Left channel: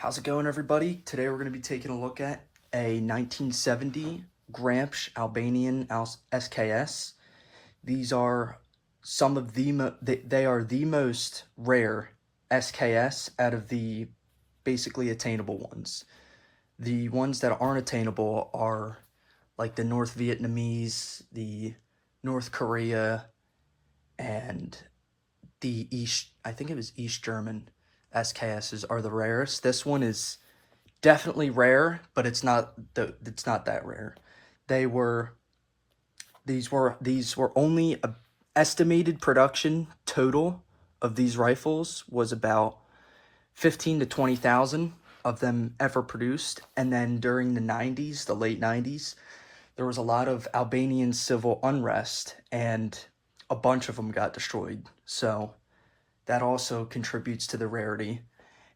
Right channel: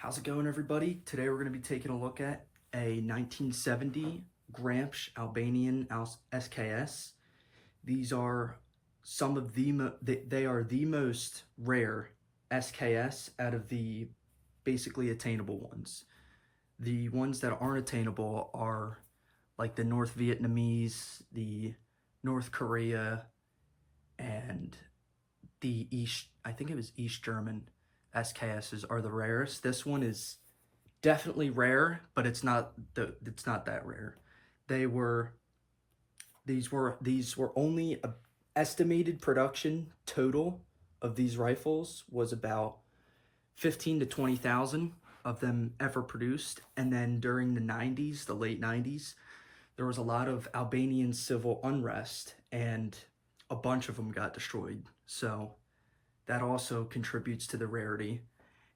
How's it going, everybody? Today we're going to be taking a look at a 1970 Gramsch Albanian SKS. These are some of they are the most rare SKS out of the basically attainable ones. The ones that aren't attainable are like the North Vietnamese, the North Korea, and the I think it was East German SKSs are the rarest. This one is definitely rare, but it's not that rare. These were only a estimated production total of these rifles was about 15 to 20,000 of them ever produced. And then during the 90s, the late 90s, there was a lot of Albanian civil unrest and a bunch of them got destroyed. So that also contributes to the rarity.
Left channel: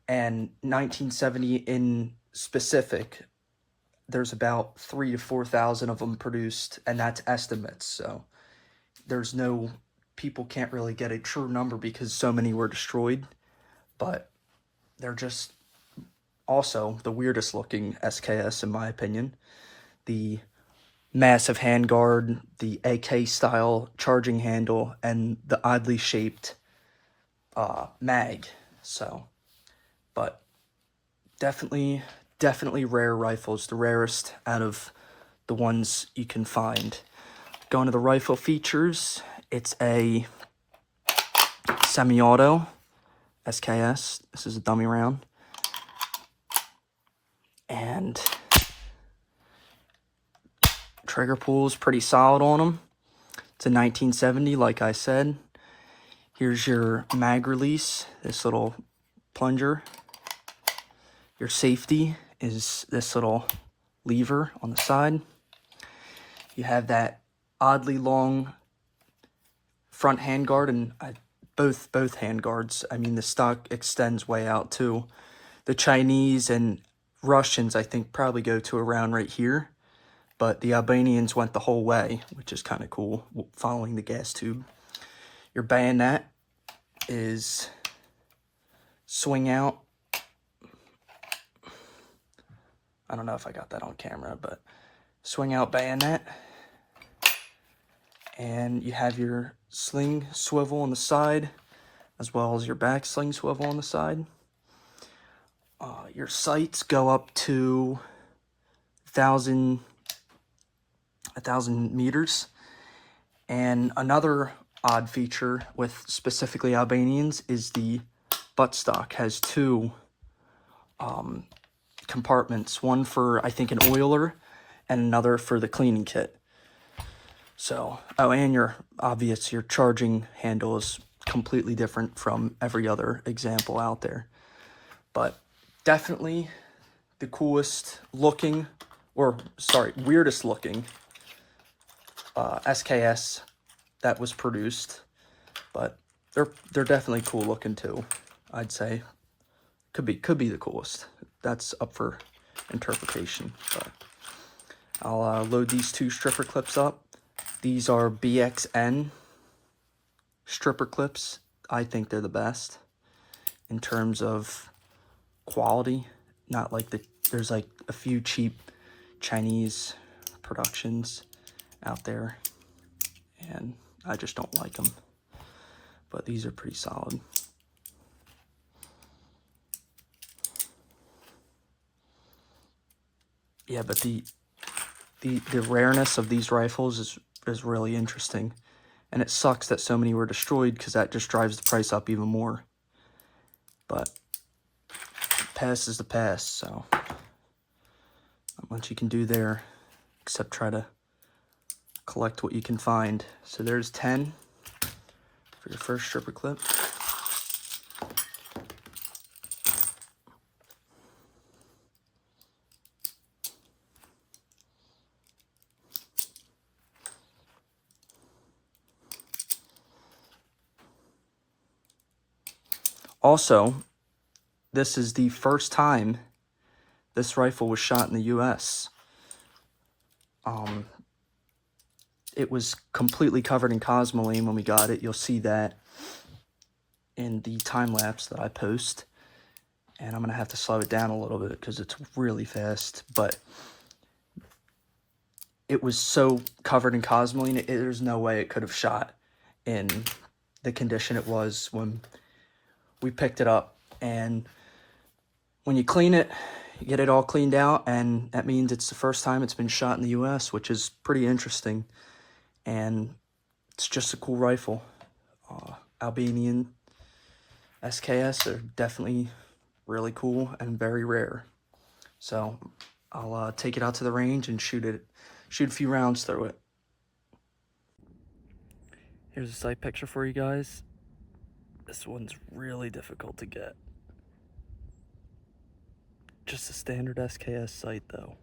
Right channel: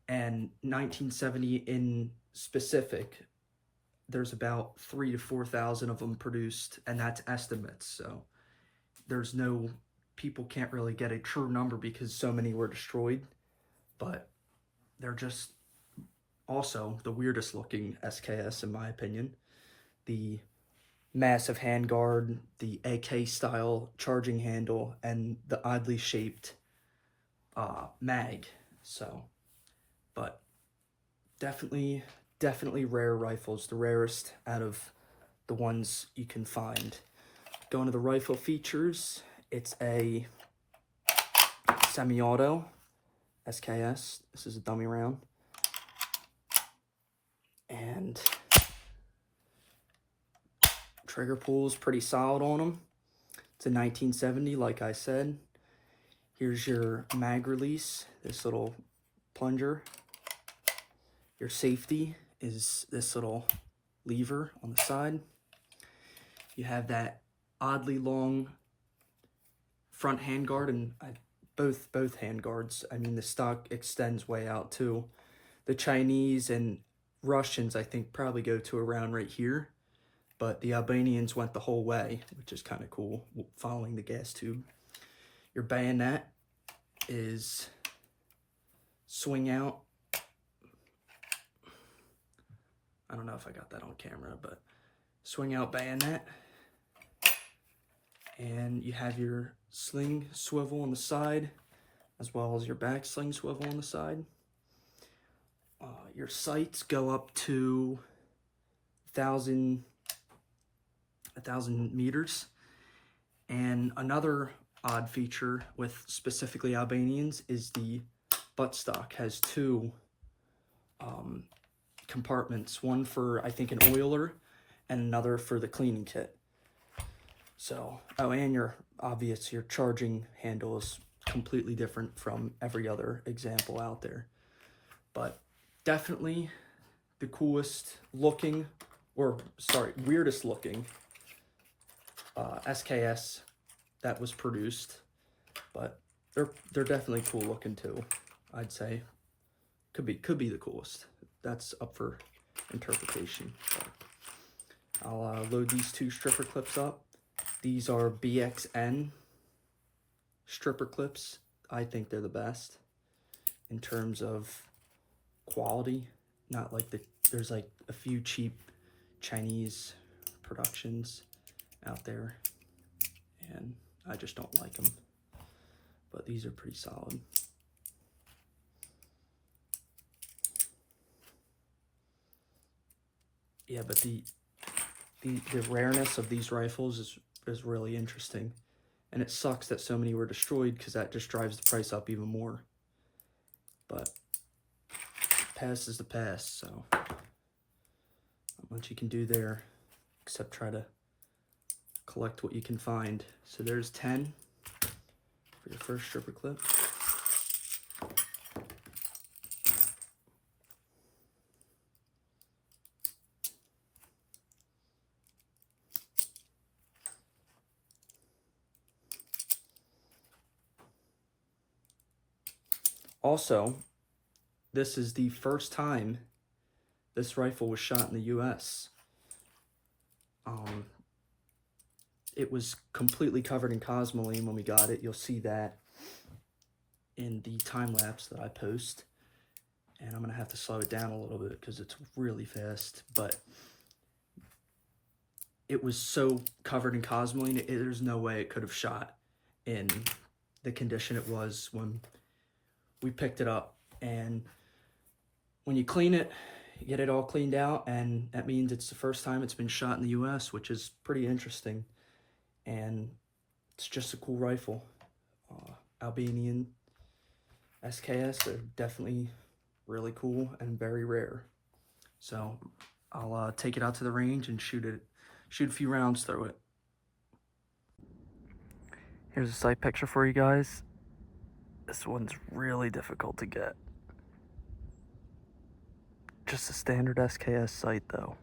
And 1970 in specific, there's about 3,000 to 4,000 of them produced, and that's estimates. So people can't really get a true number because so many were destroyed, but they're just also the weirdest looking SKS in my opinion. The massive handguard, the AK style charging handle, and the oddly shaped mag. So, but definitely rare rifles, the rarest out of the ones you can find. Going to the rifle features, it's a semi-auto SKS. This is a dummy round. And trigger pull is pretty solid on them. It's a 1970, like I said. Here's your mag release, this little plunger. Your safety is this little lever on the side. You have that oddly long front handguard, and both handguards. I mean, the stock extends way out too. The Chinese and Russians, I think, probably go to around right here, but the Albanians went the whole way, which is kind of cool, following the gas tube. Your bayonet is swing out. I don't know if I got that on camera, but swing out bayonet. And you have your sling swivel on the side, as well as your back sling swivel on the side. Your sights go up to 1,000 meters. And another odd feature with specifically Albanians is the buttstock has two compartments, one for I think an oiler and another for the cleaning kit. So, and your charging handle is completely different from every other example out there. But definitely the coolest looking, weirdest looking SKS that was produced. But they're definitely cool looking too. I'd say could be the coolest. That's up for interpretation. But I'll load these two stripper clips up. These are BXN stripper clips. I think they're the best in terms of quality. Not like there's like a few cheap Chinese productions out there, and I just don't like them. But these are pretty solid. Yeah, but the rareness of these rifles is really interesting, and it sucks that so many were destroyed because that just drives the price up even more. But past is the past, so not much you can do there except try to collect what you can find. So there's 10 for your first stripper clip. Also, this is the first time this rifle was shot in the US. It was completely covered in Cosmoline when we got it. You'll see that in the time lapse that I post. And I'm going to have to slow it down a little bit because it's really fast. But it was so covered in Cosmoline, there's no way it could have shot in the condition it was when we picked it up. And when you clean it, you get it all cleaned out, and that means it's the first time it's been shot in the US, which is pretty interesting. And it's just a cool rifle. Albanian SKS are definitely really cool and very rare. So I'll take it out to the range and shoot a few rounds through it. Here's a sight picture for you guys. This one's really difficult to get. Just a standard SKS sight though.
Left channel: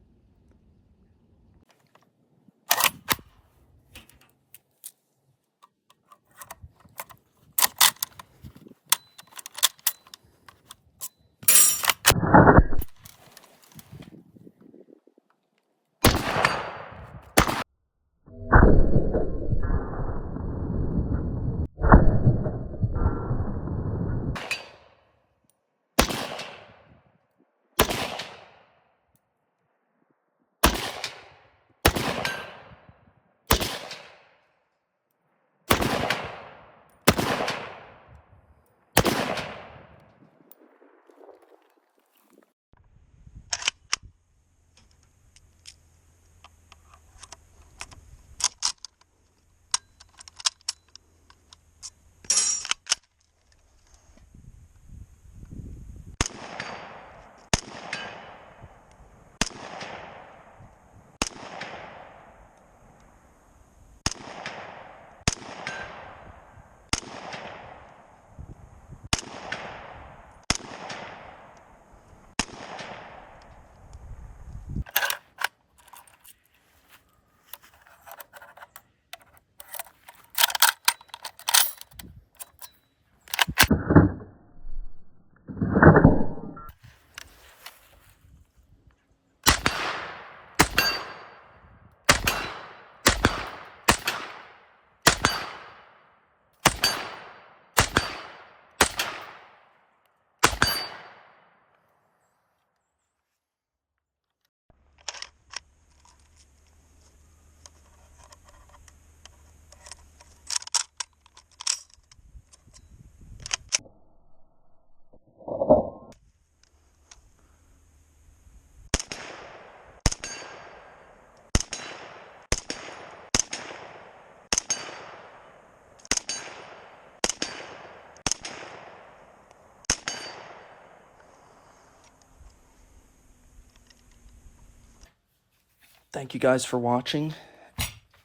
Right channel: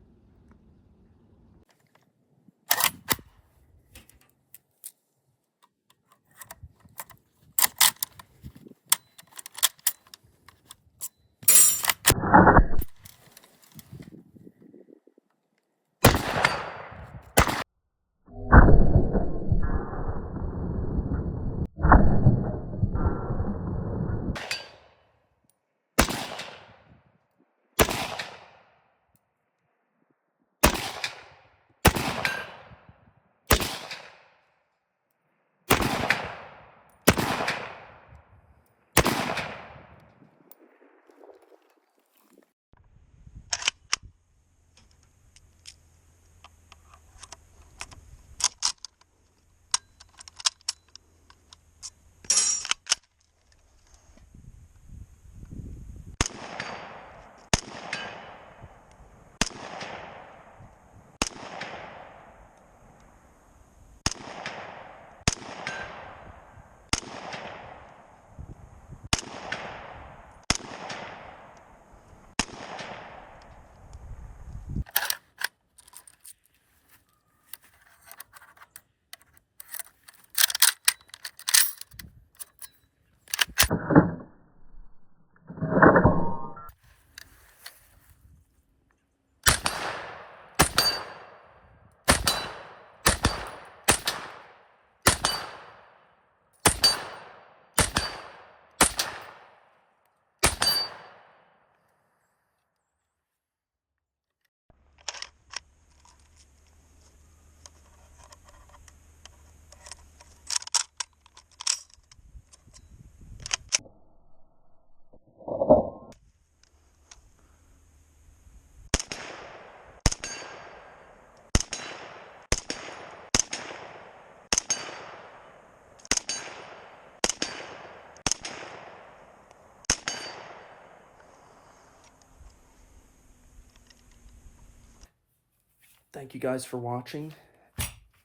Thank you guys for watching,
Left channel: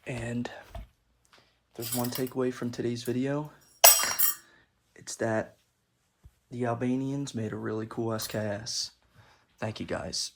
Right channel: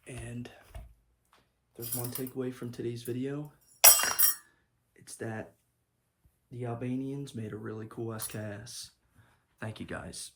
and there's one takeaway from today's video. It's that the Albanians made a really cool SKS. Thank you guys.